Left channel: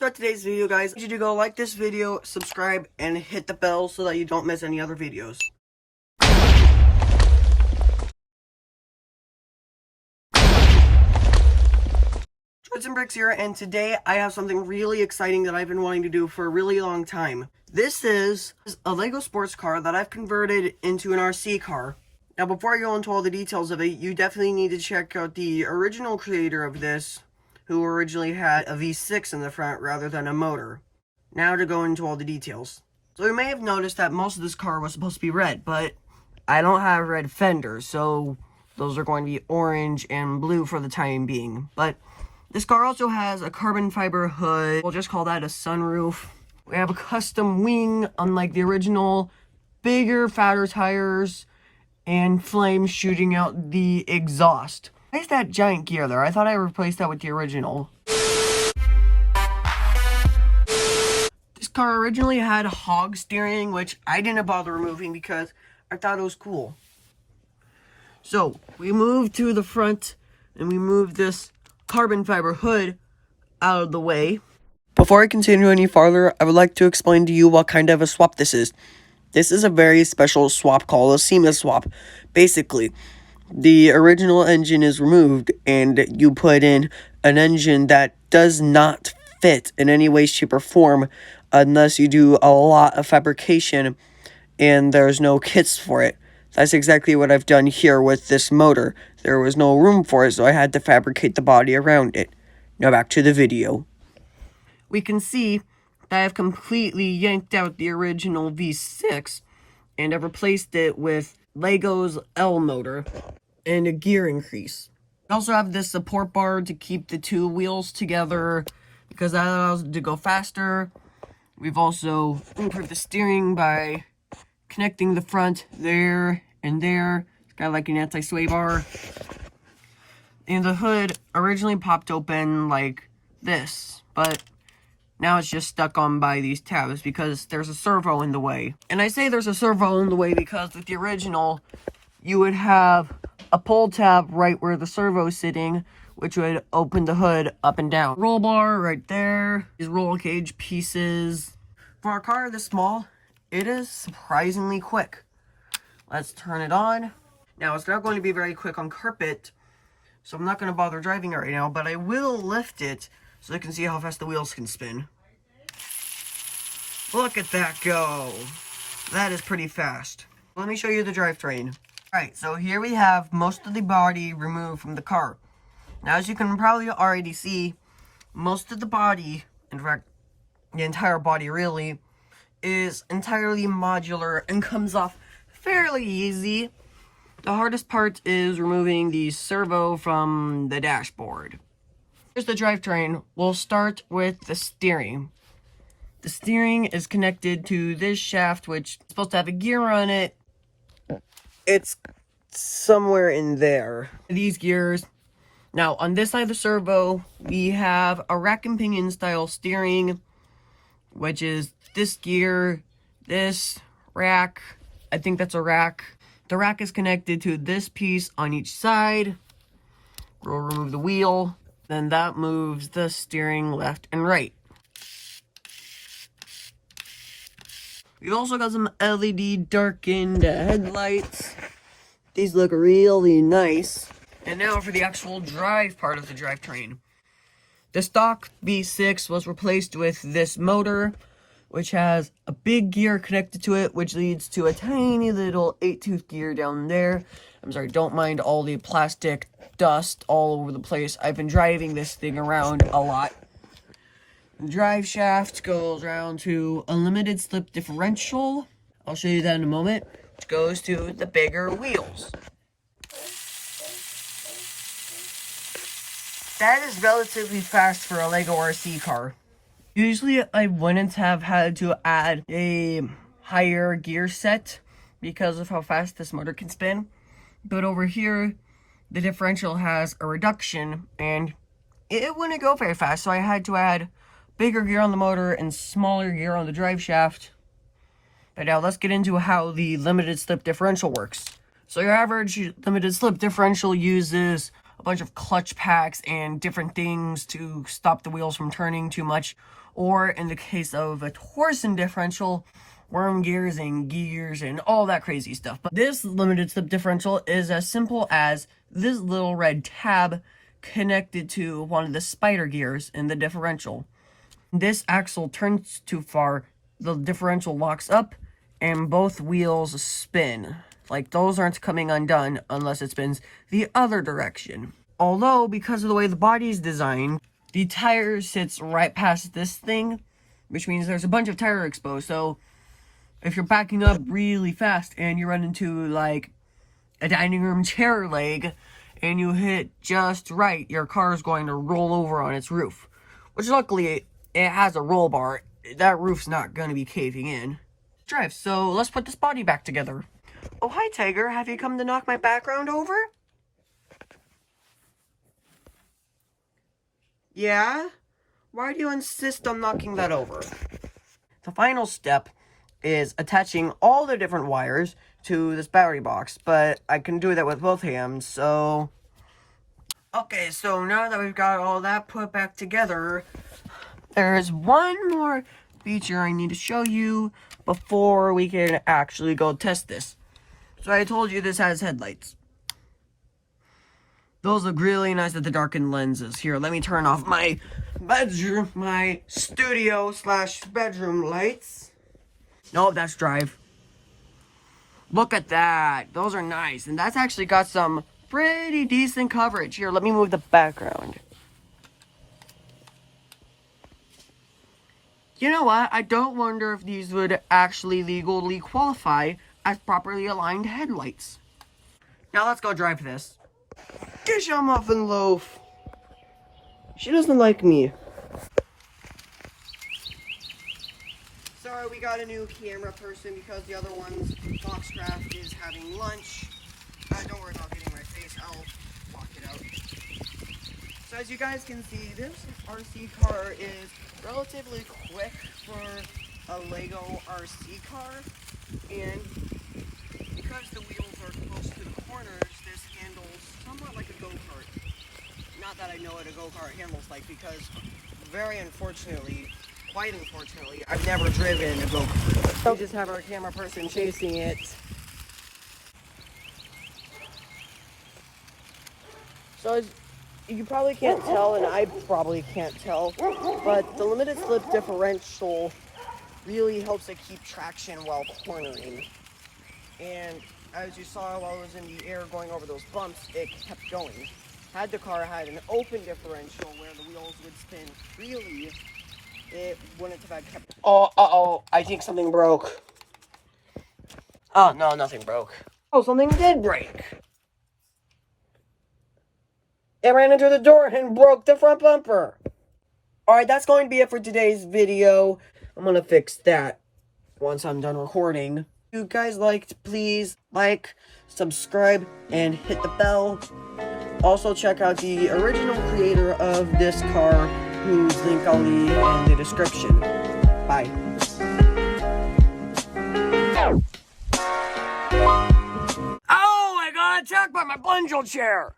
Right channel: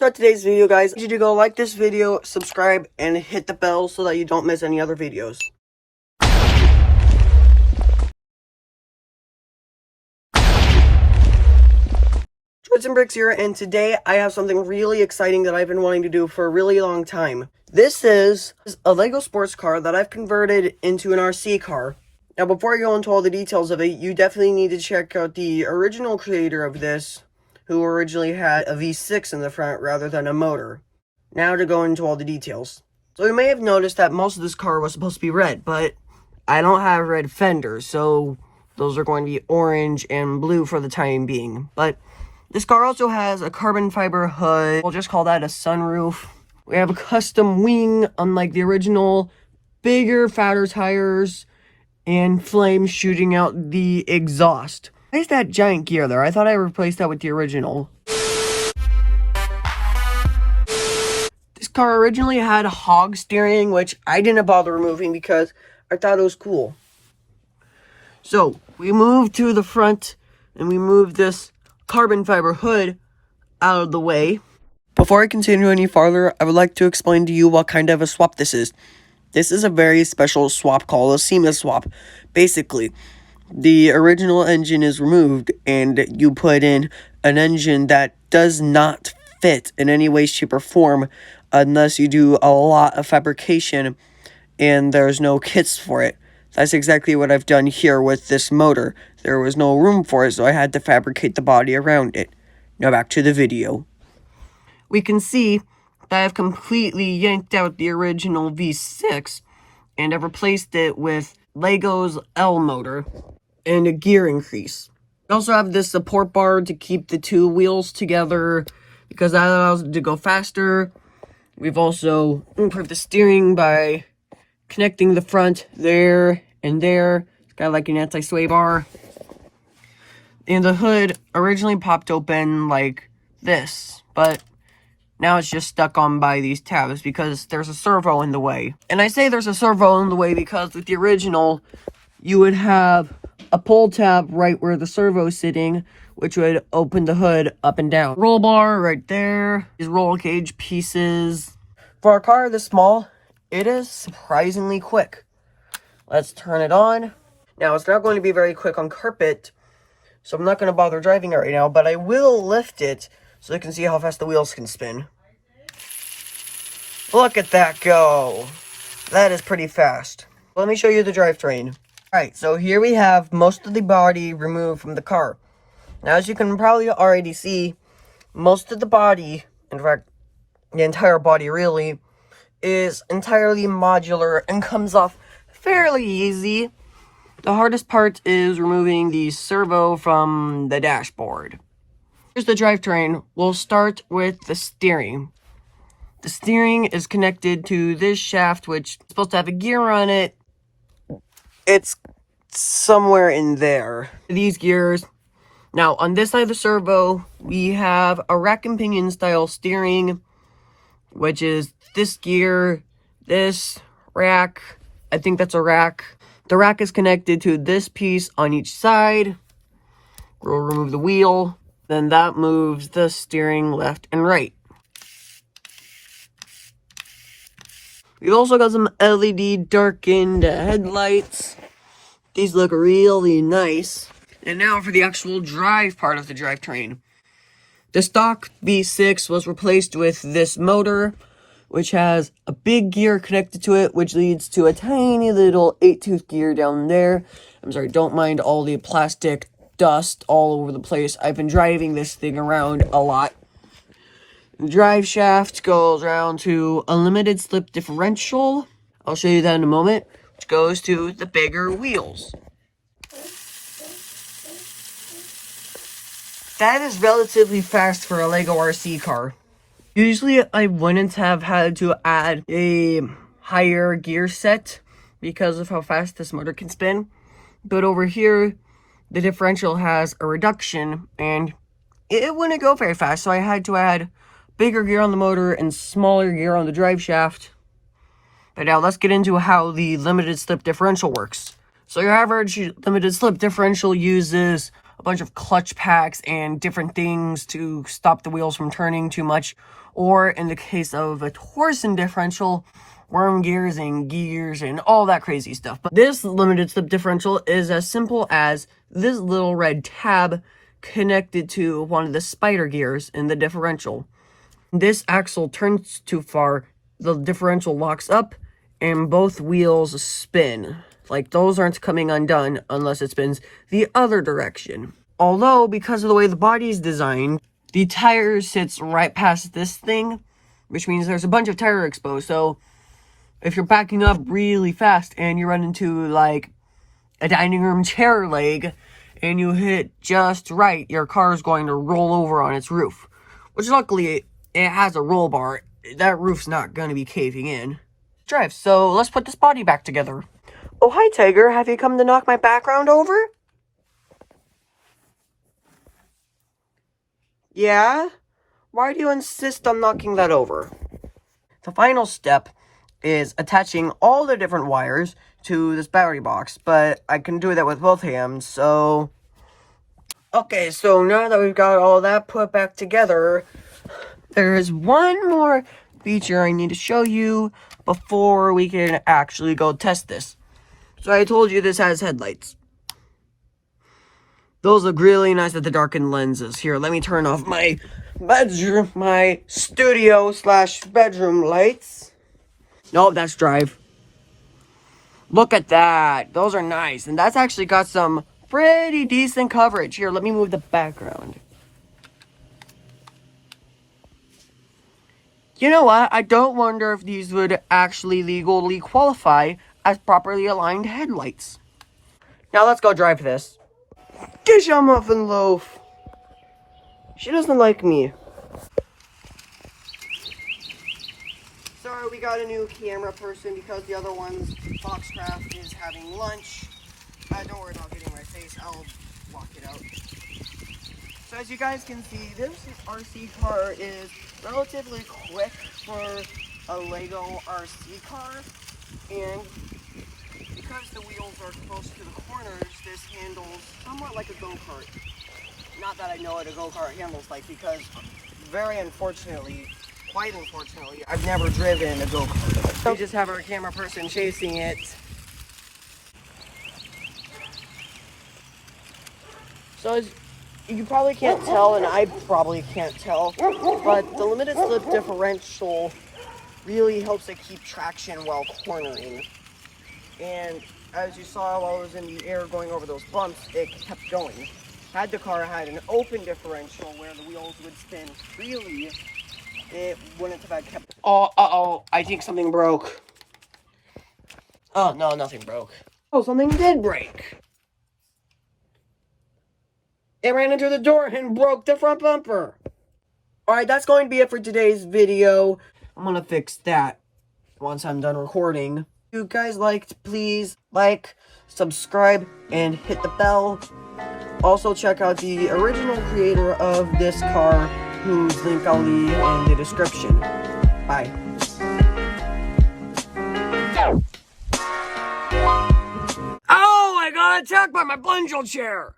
So today's video, guys, I need you to go like this video, subscribe, and hit the bell so that you don't miss any other videos. Bricks here, and today I have something really exciting that I've been wanting to do for a really long time. This is a Lego sports car that I've converted into an RC car. Now, before I go into all the details of it, you definitely need to check out the original creator of this, who originally had a V6 in the front rather than a motor. Now to go into all the details. So you may have noticed that most of this car was supposed to be red, but I don't have red fenders, so those are going to be orange and blue for the time being. But this car also has a carbon fiber hood. We'll just call that a sunroof. We have a custom wing, unlike the original, bigger, fatter tires, and flames shooting out the exhaust. Why is that giant gear there? I thought I replaced that with the original. This car originally had a hog steering, which I didn't bother removing because I thought it was cool. So, we moved to the front, and we moved this carbon fiber hood out of the way. Before I continue any farther, I would like to explain to you what kind of a swap this is. This is a very special swap called a seamless swap. Basically, the original engine is removed and you put in an engine that does not fit in any way, shape, or form unless you do a lot of fabrication and there's no kits for it. That's exactly what I've done here with this motor. There was no room for it, so I had to fabricate the body around it. Now back to the video. We can see that I've completely yanked out the original V6 and I've replaced it with Lego's L motor and a gear increase. We also have this support bar to keep the two wheels together because that allows it to go faster. We've also improved the steering by connecting the front there and there. It's got like an anti-sway bar. And the hood originally popped open like this, but now it's just stuck on by these tabs because there's a servo in the way. And I say there's a servo in the way because with the original, you would have a pull tab right where the servo is sitting, which would open the hood up and down. Roll bar right there. These roll cage pieces. For a car this small, it is surprisingly quick. Let's turn it on. Now, it's not going to be very quick on carpet, so I'm not going to bother driving it right now, but I will lift it so you can see how fast the wheels can spin. Look at that go. That is pretty fast. Let me show you the drivetrain. Alright, so here we have most of the body removed from the car. Now, as you can probably already see, most of the body, in fact, the entire body really, is entirely modular and comes off fairly easy. The hardest part is removing the servo from the dashboard. Here's the drivetrain. We'll start with the steering. The steering is connected to this shaft, which is supposed to have a gear on it. It's somewhere in there. These gears. Now, on this side of the servo, we have a rack and pinion style steering, which is this gear, this rack. I think that's a rack. The rack is connected to this piece on each side. We'll remove the wheel. Then that moves the steering left and right. We've also got some LED darkened headlights. These look really nice. And now for the actual drive part of the drivetrain. The stock V6 was replaced with this motor, which has a big gear connected to it, which leads to a tiny little 8-tooth gear down there. I'm sorry, don't mind all the plastic dust all over the place. I've been driving this thing around a lot. The drive shaft goes around to a limited slip differential. I'll show you that in a moment, which goes to the bigger wheels. That is relatively fast for a Lego RC car. Usually I wouldn't have had to add a higher gear set because of how fast this motor can spin. But over here, the differential has a reduction and it wouldn't go very fast. So I had to add bigger gear on the motor and smaller gear on the drive shaft. But now let's get into how the limited slip differential works. So your average limited slip differential uses a bunch of clutch packs and different things to stop the wheels from turning too much. Or in the case of a Torsen differential, worm gears and all that crazy stuff. But this limited slip differential is as simple as this little red tab connected to one of the spider gears in the differential. This axle turns too far, the differential locks up, and both wheels spin. Like, those aren't coming undone unless it spins the other direction. Although, because of the way the body is designed, the tire sits right past this thing, which means there's a bunch of tire exposed. So, if you're backing up really fast and you run into, like, a dining room chair leg, and you hit it just right, your car is going to roll over on its roof. Which, luckily, it has a roll bar. That roof's not going to be caving in. Drive, so let's put this body back together. Oh, hi, Tiger. Have you come to knock my background over? Yeah? Why do you insist on knocking that over? The final step is attaching all the different wires to this battery box, but I can do that with both hands, so... Okay, so now that we've got all that put back together, there's one more feature I need to show you before we can actually go test this. So I told you this has headlights. Those look really nice with the darkened lenses. Here, let me turn off my bedroom, my studio/bedroom lights. Nope, that's drive. Look at that. Those are nice. And that's actually got some pretty decent coverage. Here, let me move the background. You know what? I don't wonder if these would actually legally qualify as properly aligned headlights. Now let's go drive this. Dish a muffin loaf. She doesn't like me. Sorry, we got a new camera person because the other one's Foxcraft is having lunch. Don't worry about getting my face. I'll block it out. So as you guys can see, this RC car is relatively quick for a Lego RC car. And because the wheels are close to the corners, this handles somewhat like a go-kart. Not that I know what a go-kart handles like, because very unfortunately, quite unfortunately, I've never driven a go-kart. We just have our camera person chasing it. So as you probably can't tell, and I probably can't tell, but the limited slip differential really helps it keep traction while cornering. And as you saw while it was in the air going over those bumps, it kept going. Had the car had an open differential where the wheels would spin freely, it wouldn't have kept... Oh, I think something broke. Oh, no, nothing broke. Oh, something did break. It ran into the door and broke the front bumper. Alright, that's going to be it for today's video. I'm going to fix that once I'm done recording. If you guys liked, please like, subscribe, and hit the bell. Also, check out the original creator of this car, whose link I'll leave in the description. Bye. Oh, I got attacked by my bungee chair!